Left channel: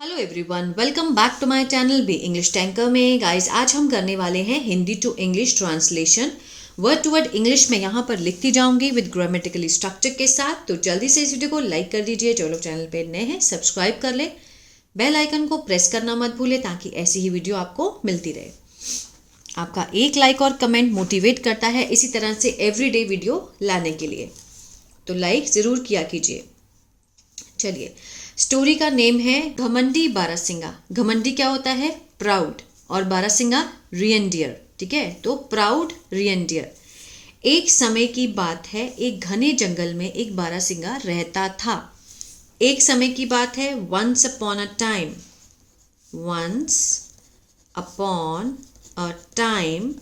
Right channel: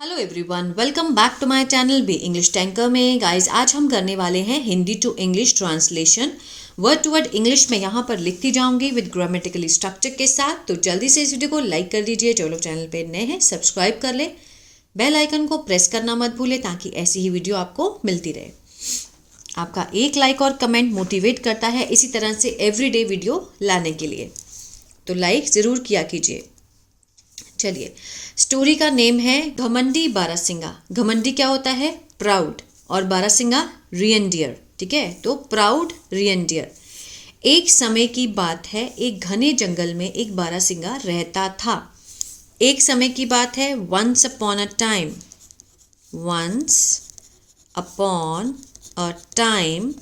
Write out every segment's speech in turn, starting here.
Hello everyone, welcome back to my channel be English tanker में। Guys, आज हम करने वाले हैं Hindi to English translation. Word to word English में यहाँ पर लिखती जाऊंगी विद ग्रामेटिकली स्ट्रक्चर के साथ। तो जल्दी से इस वीडियो को लाइक कर दीजिए। जो लोग चैनल पे नए हैं सब्सक्राइब कर ले, बेल आइकन को प्रेस करना मत भूले ताकि ऐसी ही वीडियो आपको मिलती रहे। आपका एक लाइक और कमेंट मोटिवेट करता है इसी तरह से एवरीडे वीडियो लाने के लिए, तो लाइक ज़रूर किया कीजिए। चलिए, स्टोरी का नेम है घमंडी बारासिंगा। घमंडी क्या होता है? प्राउड, और बारासिंगा रियनडियर। ठीक है, तो प्राउड रियनडियर। एक समय की बात है, एक घने जंगल में एक बारासिंगा रहता था। एक समय की बात है, once upon a time. Once upon a time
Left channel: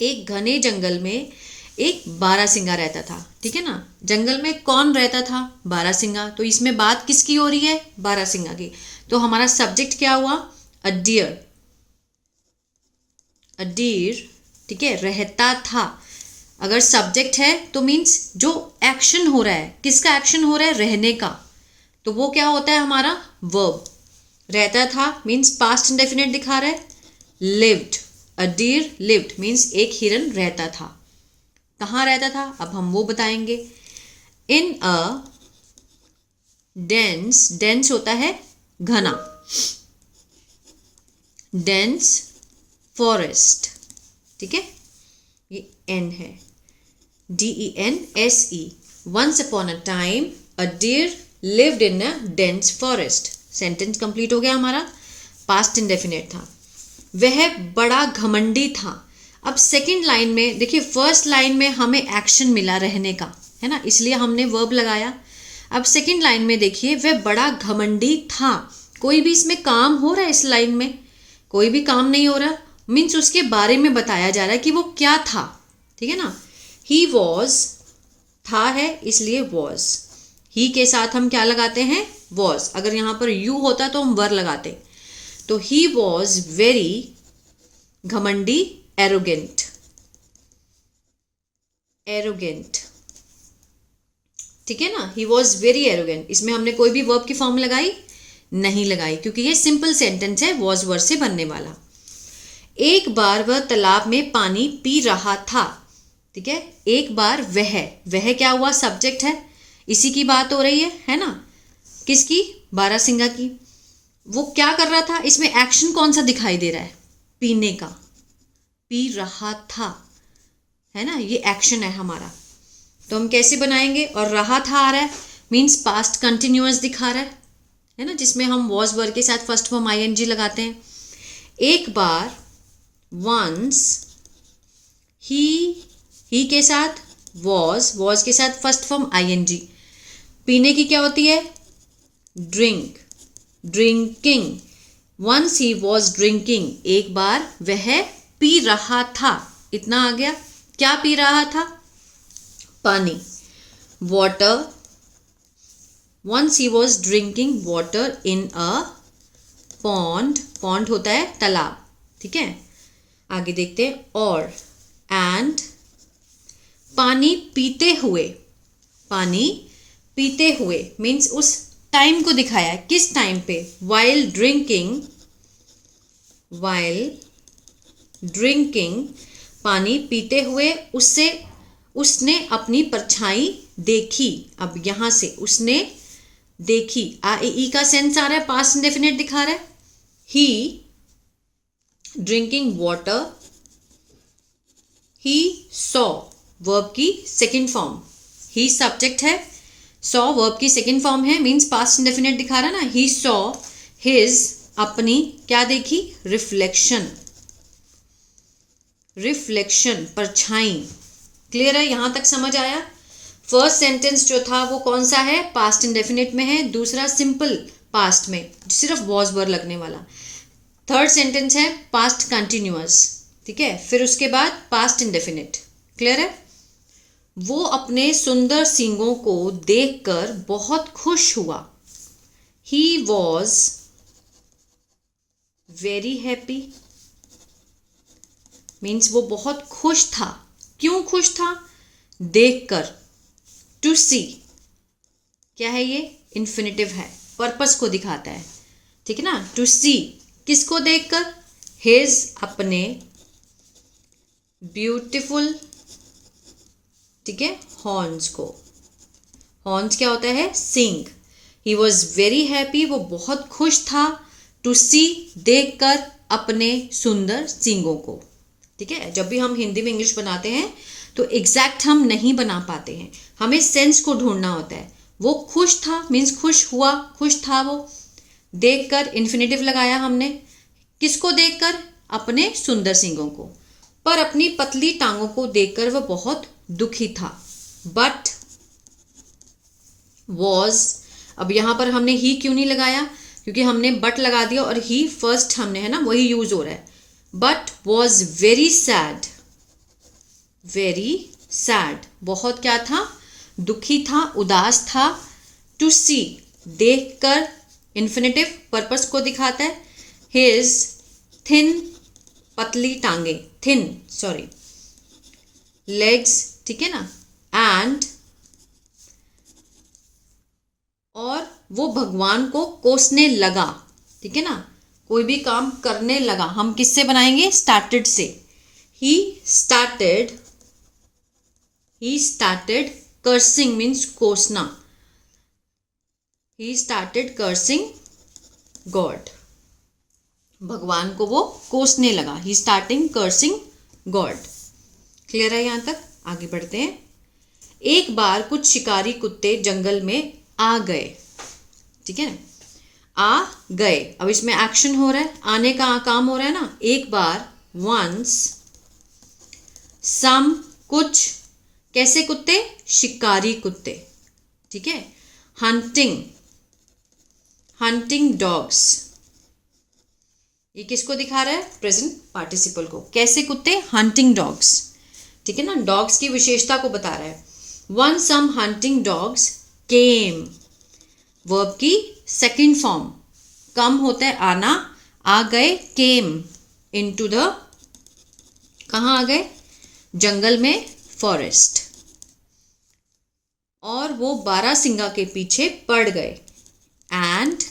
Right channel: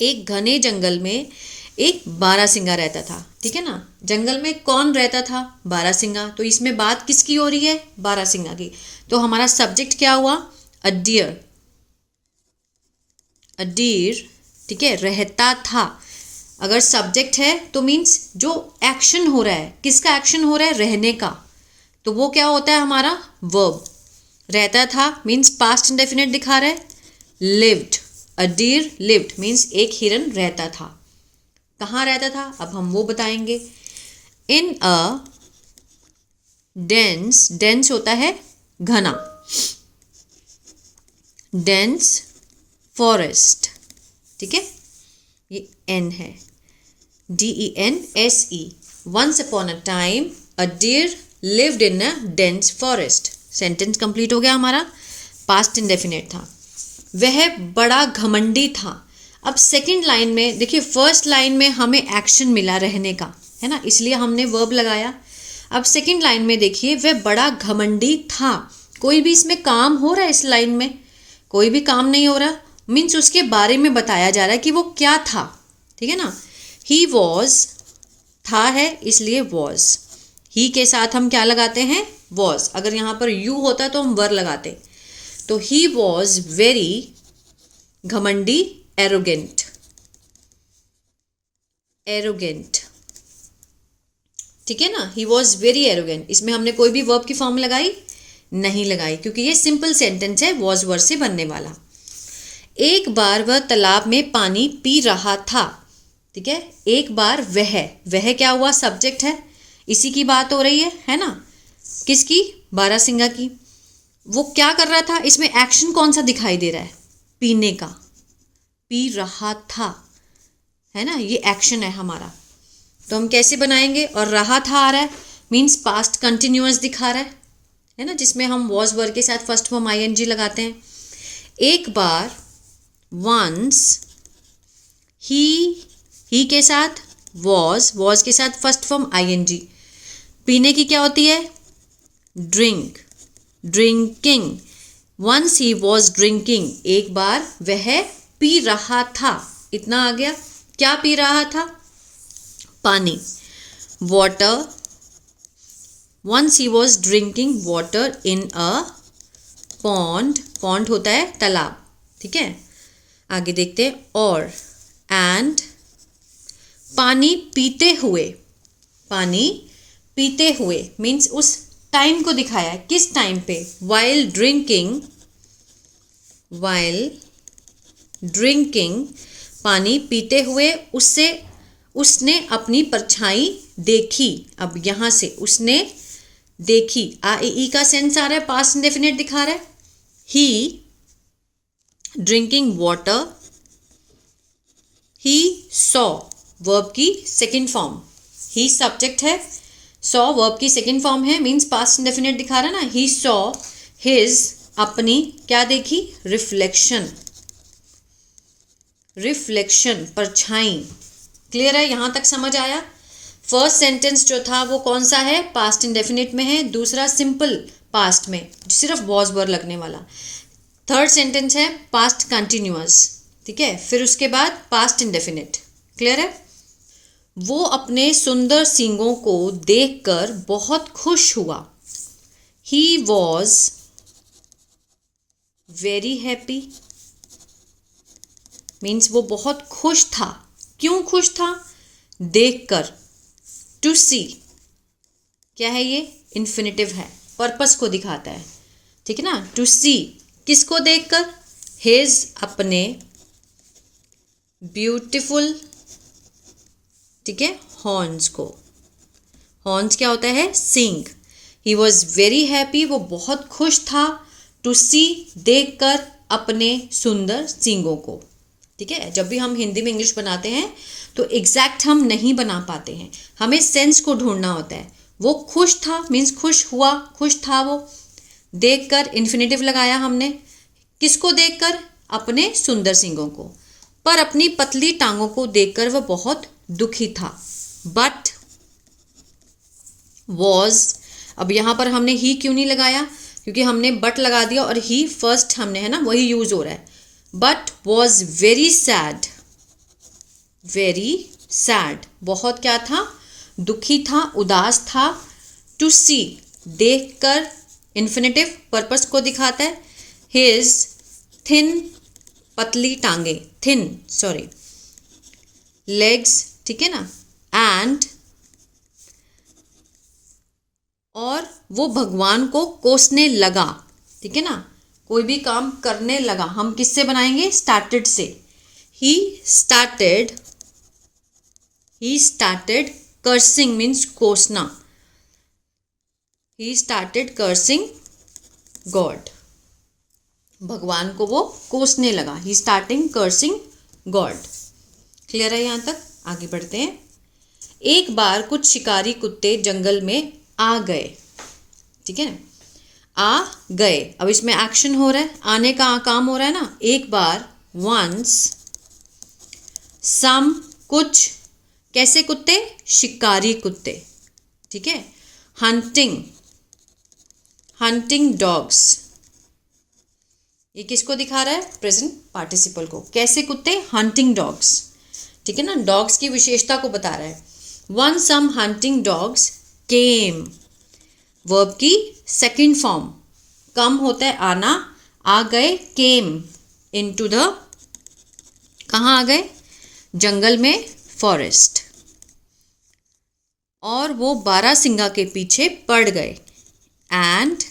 एक घने जंगल में एक बारासिंगा रहता था। ठीक है ना, जंगल में कौन रहता था? बारासिंगा। तो इसमें बात किसकी हो रही है? बारासिंगा की। तो हमारा सब्जेक्ट क्या हुआ? अ डियर। अ डियर, ठीक है, रहता था। अगर सब्जेक्ट है तो मीन्स जो एक्शन हो रहा है, किसका एक्शन हो रहा है? रहने का। तो वो क्या होता है? हमारा वर्ब। रहता था मीन्स पास्ट इंडेफिनिट दिखा रहा है। लिव्ड, अ डियर लिव्ड मीन्स एक हिरन रहता था। कहाँ रहता था अब हम वो बताएंगे। इन अ डेंस, डेंस होता है घना, डेंस फॉरेस्ट। ठीक है, ये एन है, DENSE। Once upon a time a deer lived in a dense forest. Sentence complete हो गया हमारा, पास्ट इंडेफिनिट था। वह बड़ा घमंडी था। अब सेकंड लाइन में देखिए, फर्स्ट लाइन में हमें एक्शन मिला रहने का, है ना, इसलिए हमने वर्ब लगाया। अब सेकंड लाइन में देखिए, वह बड़ा घमंडी था। कोई भी इसमें काम हो रहा है? इस लाइन में कोई भी काम नहीं हो रहा, मीन्स उसके बारे में बताया जा रहा है कि वो क्या था। ठीक है ना, ही वॉज, था है इसलिए वॉज। ही के साथ हम क्या लगाते हैं? वॉज। अगर यहाँ पर यू होता तो हम वर लगाते। तो ही वॉज वेरी घमंडी, एरोगेंट। एरोगेंट, ठीक है ना, ही वॉज वेरी एरोगेंट। इसमें हमने कोई भी वर्ब की फॉर्म लगाई? नहीं लगाई, क्योंकि ये सिंपल सेंटेंस है, वॉज वर्ड से बनने वाला। एक बार वह तालाब में पानी पी रहा था। ठीक है, एक बार वह क्या हुआ? सब्जेक्ट है, इसी की बात हो रही है ना। किसकी? बारासिंगा की। वो क्या कर रहा था? इसमें एक्शन कौन सा दिखाई दे रहा है? पीने का। पी रहा था, है ना, ये एक्शन है हमारा। तो हम कैसे बनाएंगे? और रहा था आ रहा है मीन्स पास्ट कंटिन्यूअस दिखा रहा है ना, जिसमें हम वॉज वर्ड के साथ फर्स्ट फॉर्म ING लगाते हैं। एक बार, वंस, ही के साथ वॉज के साथ फर्स्ट फॉर्म ING। पीने की क्या होती है? Drink, drinking. Once he was drinking, एक बार वह पी रहा था। इतना आ गया। क्या पी रहा था? पानी, water. Once he was drinking water in a pond. Pond होता है तालाब। ठीक है, आगे देखते हैं। और एंड, पानी पीते हुए। पानी पीते हुए मीन्स उस टाइम को दिखाया है। किस टाइम पे? वाइल ड्रिंकिंग, वाइल ड्रिंकिंग, पानी पीते हुए उसने अपनी परछाई देखी। अब यहां से उसने देखी, ई का सेंस आ रहा है, पास्ट इंडेफिनिट दिखा रहा है। He drinking water, he saw, verb की सेकेंड फॉर्म। ही सब्जेक्ट है, सॉ वर्ब की सेकेंड फॉर्म है, मीन्स पास्ट इंडेफिनिट दिखा रहा है ना। ही सॉ हिज, अपनी क्या देखी? रिफ्लेक्शन। रिफ्लेक्शन, परछाई। क्लियर है? यहां तक समझ आया? फर्स्ट सेंटेंस जो था वो कौन सा है? पास्ट इंडेफिनिट में है। दूसरा सिंपल पास्ट में, सिर्फ वॉज वर्ड लगने वाला। थर्ड सेंटेंस है पास्ट कंटिन्यूअस। ठीक है, फिर उसके बाद पास्ट इंडेफिनिट। क्लियर है? वो अपने सुंदर सींगों को देखकर बहुत खुश हुआ। He was very happy means वो बहुत खुश था। क्यों खुश था? देखकर, टू सी। क्या है ये? इन्फिनिटिव है, पर्पस को दिखाता है, ठीक है ना। टू सी किसको देखकर, हिज अपने ब्यूटीफुल, ठीक है, हॉर्न्स को। हॉर्न्स क्या होता है, सींग। ही वॉज वेरी हैप्पी, वो बहुत खुश था, टू सी देखकर अपने सुंदर सींगों को, ठीक है। जब भी हम हिंदी में इंग्लिश बनाते हैं तो एग्जैक्ट हम नहीं बना पाते हैं, हमें सेंस को ढूंढना होता है। वो खुश था मीन्स खुश हुआ, खुश था वो। देखकर इन्फिनेटिव लगाया हमने, किसको देखकर, अपने सुंदर सींगों को। पर अपनी पतली टांगों को देखकर वह बहुत दुखी था। बट वॉज, अब यहाँ पर हमने ही क्यों नहीं लगाया, क्योंकि हमने बट लगा दिया और ही फर्स्ट हमने, है ना, वही यूज हो रहा है। But was very sad, very sad, बहुत क्या था, दुखी था, उदास था। टू सी देखकर, इन्फिनेटिव पर्पस को दिखाता है। हिज थिन, पतली टांगे, थिन सॉरी, लेग्स, ठीक है ना, एंड, और वो भगवान को कोसने लगा, ठीक है ना, कोई भी काम करने लगा। हम किससे बनाएंगे, स्टार्टेड से। ही स्टार्टेड कर्सिंग मीन्स कोसना। ही स्टार्टेड कर्सिंग गॉड, भगवान को वो कोसने लगा। He starting cursing God. Clear है यहाँ तक, आगे बढ़ते हैं। एक बार कुछ शिकारी कुत्ते जंगल में आ गए, ठीक है, आ गए। अब इसमें एक्शन हो रहा है, आने का काम हो रहा है ना। एक बार, वंस, सम, कुछ, कैसे कुत्ते, शिकारी कुत्ते, ठीक है। हंटिंग डॉग्स, ये किसको दिखा रहा है, प्रेजेंट पार्टिसिपल को। कैसे कुत्ते, हंटिंग डॉग्स, ठीक है ना, डॉग्स की विशेषता को बता रहा है। वन सम हंटिंग डॉग्स केम, वर्ब की सेकंड फॉर्म, कम होता है आना, आ गए, केम इनटू द, कहाँ आ गए, जंगल में, फॉरेस्ट, और वो बारहसिंगा के पीछे पड़ गए। एंड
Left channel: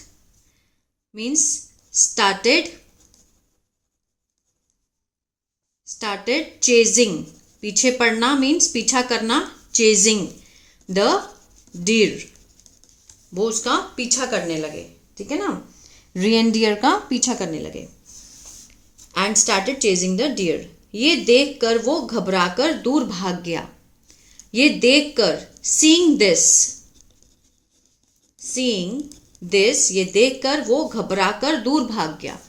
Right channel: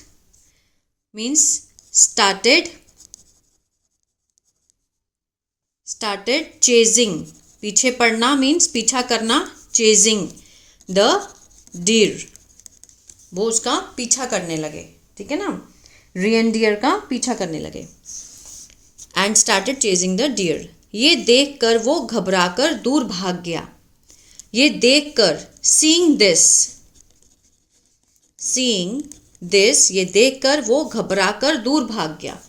मीन्स स्टार्टेड चेजिंग, पीछे पड़ना मीन्स पीछा करना, चेजिंग द डीर, वो उसका पीछा करने लगे, ठीक है ना, रिएंडियर का पीछा करने लगे। And started chasing the deer, ये देखकर वो घबराकर दूर भाग गया। ये देखकर, सीइंग दिस, ये देखकर वो घबराकर दूर भाग गया।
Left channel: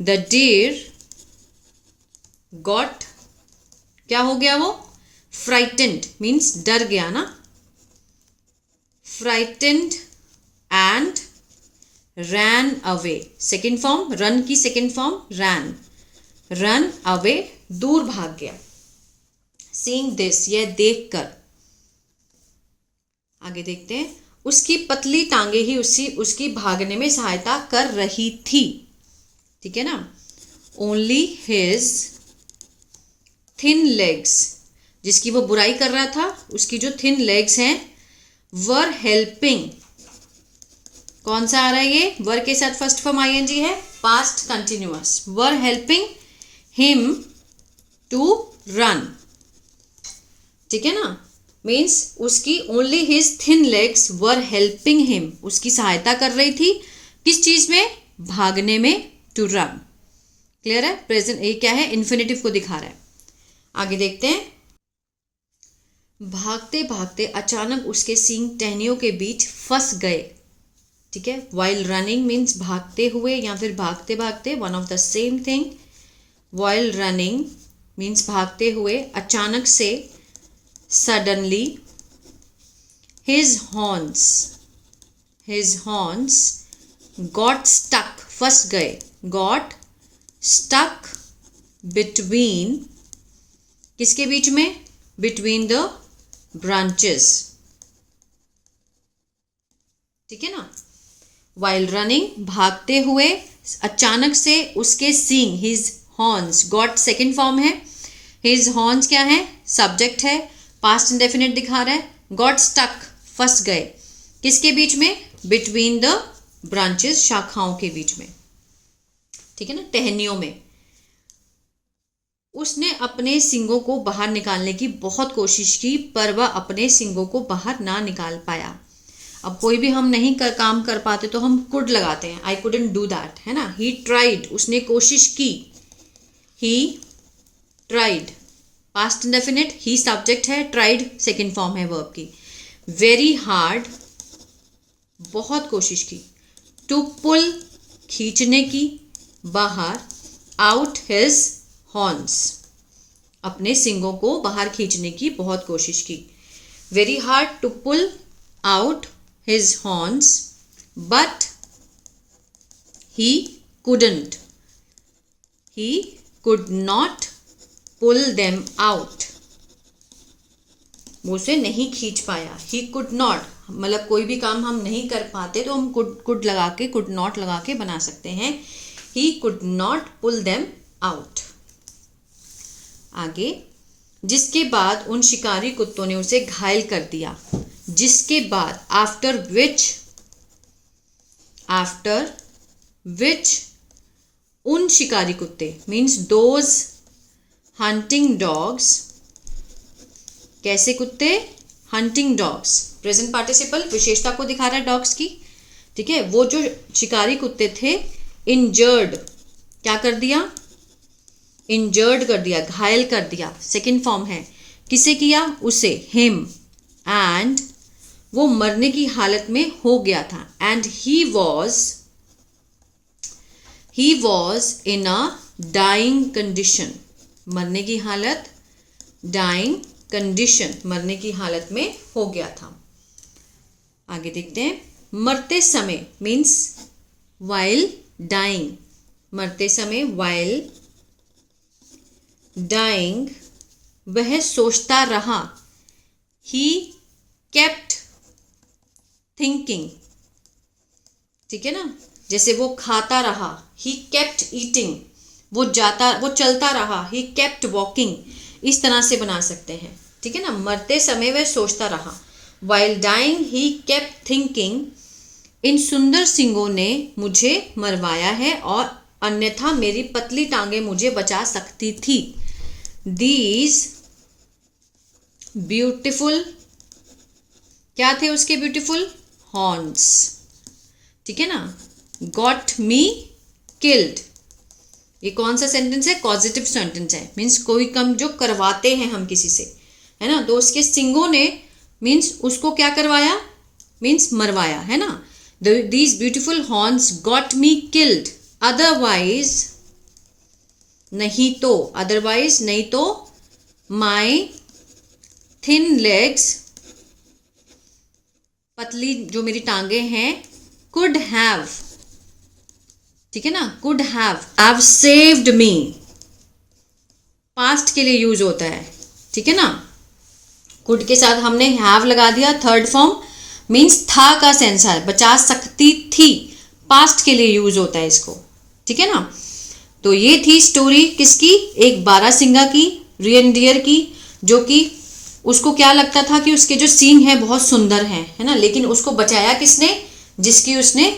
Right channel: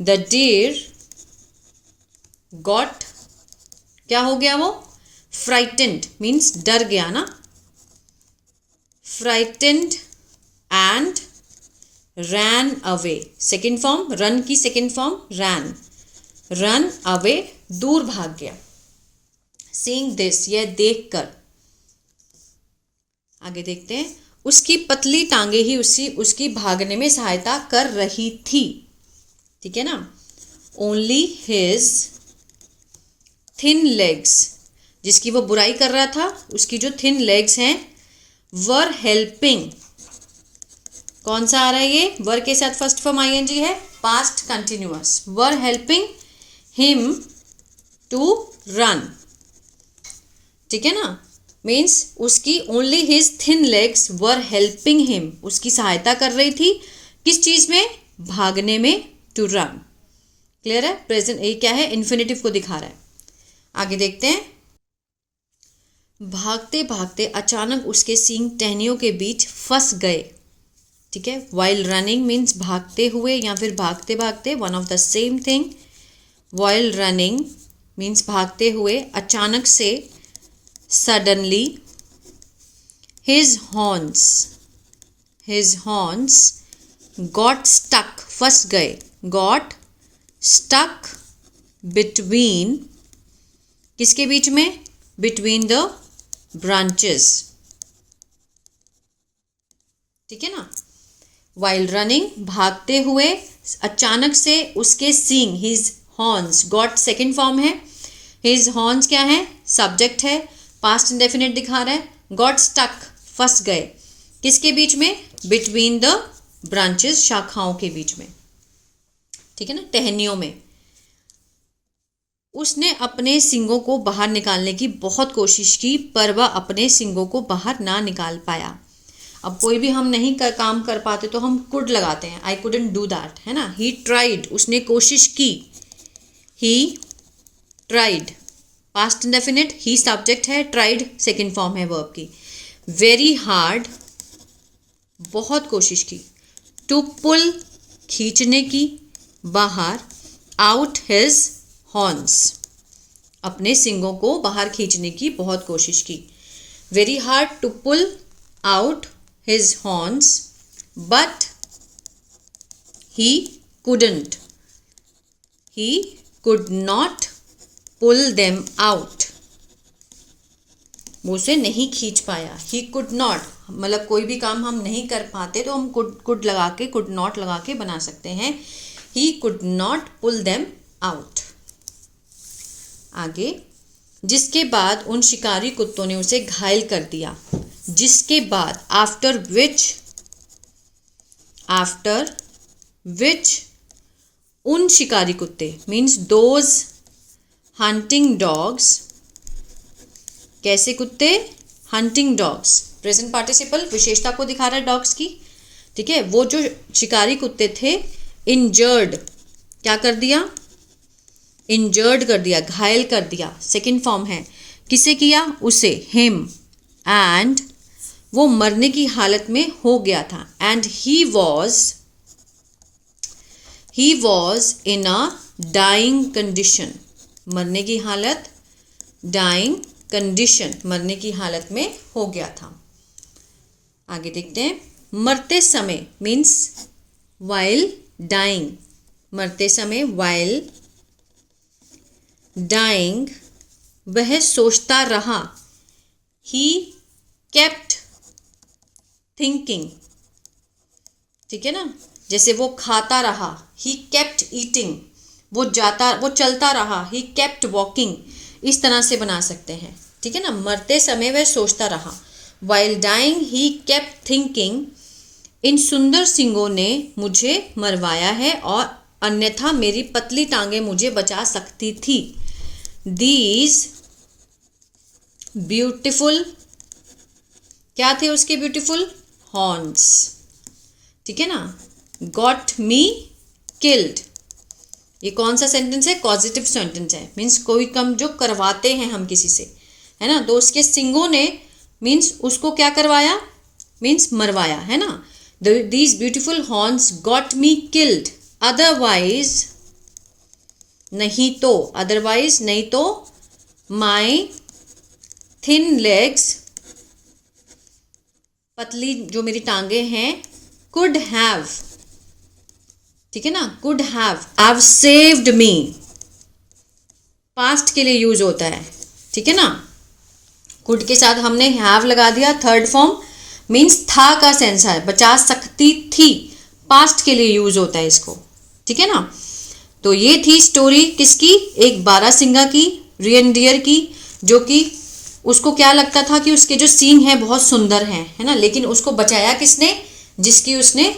द डियर गॉट, क्या हो गया वो, फ्राइटेंड मीन्स डर गया ना, frightened and ran away, second form, run की सेकेंड फॉर्म रन अवे, दूर भाग गया। सीइंग दिस, यह देखकर, आगे देखते हैं। उसकी पतली टांगे ही उसकी भागने में सहायता कर रही थी, ठीक है ना। ओनली हिज थिन लेग्स, जिसकी वो बुराई कर रहा था, उसकी जो थिन लेग्स हैं, वर हेल्पिंग, कौन सा आ रहा है ये, वर के साथ फर्स्ट फॉर्म आईएनजी है, past continuous, were helping him to run, ठीक है ना, मीन्स उसकी only his thin legs were helping him, उसकी सहायता कर रही थी, किस चीज में, भागने में, टू रन। क्लियर है, प्रेजेंट, ये क्या है, इन्फिनेटिव को दिखा रहा है। आगे देखते हैं। भागते भागते अचानक उसके सींग टहनियों के बीच फंस गए, ठीक है। वाइल रनिंग मीन्स भागते हुए या फिर भागते भागते, one of the same thing. While running means भागते हुए, अचानक से, suddenly. His horns got stuck, फंस गए, गॉट स्टक बिटवीन, किसके बीच में, बिटवीन द ब्रांचेस, ठीक है ना। वाइल रनिंग, भागते हुए, अचानक से उसके सींग, his horns, got second form है, हिज हॉर्न्स क्या है, सब्जेक्ट है, पास्ट इंडेफिनिट दिखा रहा है। गॉट स्टक, फंस गए, किसके बीच में, बिटवीन द ब्रांचेस, शाखाओं के बीच में, ठीक है ना, टहनियों में। उसने अपने सींगों को बाहर निकालने की बहुत कोशिश की, पर वह अपने सींगों को बाहर ना निकाल पाया। अब कोई भी हम नहीं काम कर पाते तो हम कुड लगाते हैं, आई कुडंट डू दैट, है ना। ही ट्राइड, उसने कोशिश की, he tried, past indefinite, he subject है, ट्राइड सेकंड फॉर्म है वर्ब की। वेरी हार्ड, बहुत कोशिश की। टू पुल, खींचने की, बाहर। आउट हिज हॉर्न्स, अपने सींगों को बाहर खींचने की बहुत कोशिश की। Very hard to pull out his horns, but he couldn't. He could not pull them out. वो उसे नहीं खींच पाया। He could not, मतलब कोई भी काम हम नहीं कर पाते तो हम could लगा के, could not लगा के बना सकते हैं। He could not pull them out. आगे, जिसके बाद उन शिकारी कुत्तों ने उसे घायल कर दिया। जिसके बाद, आफ्टर विच उन शिकारी कुत्ते, मीन्स दोज हंटिंग डॉग्स। कैसे कुत्ते? हंटिंग डॉग्स, प्रेजेंट पार्टिसिपल विशेषता को दिखा रहा है डॉग्स की, ठीक है। वो जो शिकारी कुत्ते थे, इंजर्ड, क्या कर दिया? इंजर्ड कर दिया, घायल कर दिया, सेकंड फॉर्म है। किसे किया? उसे, हिम। एंड वो मरने की हालत में हो गया था। And he was in a dying condition, मरने की हालत, डाइंग कंडीशन, मरने की हालत में हो गया था। आगे देखते हैं। मरते समय मीन्स वाइल डाइंग, मरते समय वाइल डाइंग, वह सोचता रहा। ही केप्ट थिंकिंग, ठीक है ना, जैसे वो खाता रहा, ही केप्ट ईटिंग, वो चलता रहा, ही केप्ट वॉकिंग, इस तरह से बना सकते हैं, ठीक है ना। मरते समय वह सोचता रहा, while dying he kept thinking, इन सुंदर सींगों ने मुझे मरवाया है और अन्यथा मेरी पतली टांगें मुझे बचा सकती थी। दीज ब्यूटिफुल, क्या थे उसके ब्यूटिफुल? हॉर्न्स, ठीक है ना। गॉट मी किल्ड, ये कौन सा सेंटेंस है? पॉजिटिव सेंटेंस है, मीन्स कोई काम जो करवाते हैं हम किसी से, है ना, तो उसके सींगों ने मीन्स उसको क्या करवाया? मीन्स मरवाया, है ना। These beautiful horns got me killed, otherwise नहीं तो, अदरवाइज नहीं तो, माई थिन लेग्स, पतली जो मेरी टांगे हैं, कुड हैव, ठीक है ना, could have saved me, past के लिए यूज होता है, ठीक है ना। कुड के साथ हमने हैव लगा दिया, थर्ड फॉर्म, मीन्स था का सेंस है, बचा सकती थी, पास्ट के लिए यूज होता है इसको, ठीक है ना। तो ये थी स्टोरी किसकी? एक बारहसिंगा की, रियनडियर की, जो कि उसको क्या लगता था कि उसके जो सींग हैं बहुत सुंदर हैं, है ना, लेकिन उसको बचाया किसने? जिसकी उसने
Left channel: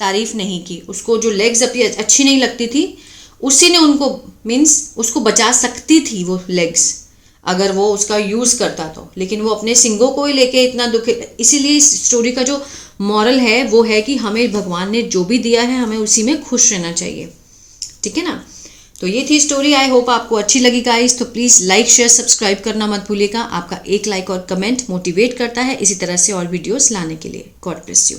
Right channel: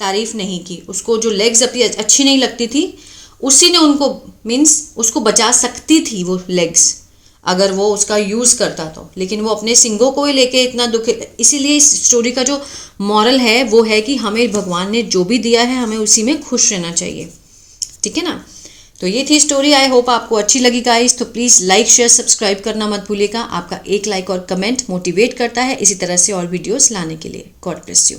तारीफ नहीं की, उसको जो लेग्स अपनी अच्छी नहीं लगती थी, उसी ने उनको मीन्स उसको बचा सकती थी वो लेग्स, अगर वो उसका यूज़ करता तो, लेकिन वो अपने सींगों को ही लेके इतना दुख। इसीलिए इस स्टोरी का जो मॉरल है वो है कि हमें भगवान ने जो भी दिया है हमें उसी में खुश रहना चाहिए, ठीक है ना। तो ये थी स्टोरी, आई होप आपको अच्छी लगी गाइस। तो प्लीज़ लाइक शेयर सब्सक्राइब करना मत भूलिएगा, आपका एक लाइक और कमेंट मोटिवेट करता है इसी तरह से और वीडियोस लाने के लिए। God bless you.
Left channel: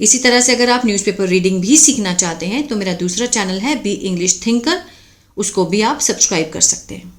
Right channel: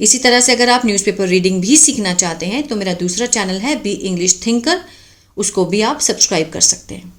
इसी तरह से अगर आप न्यूज़पेपर रीडिंग भी सीखना चाहते हैं तो मेरा दूसरा चैनल है बी इंग्लिश थिंकर, उसको भी आप सब्सक्राइब कर सकते हैं।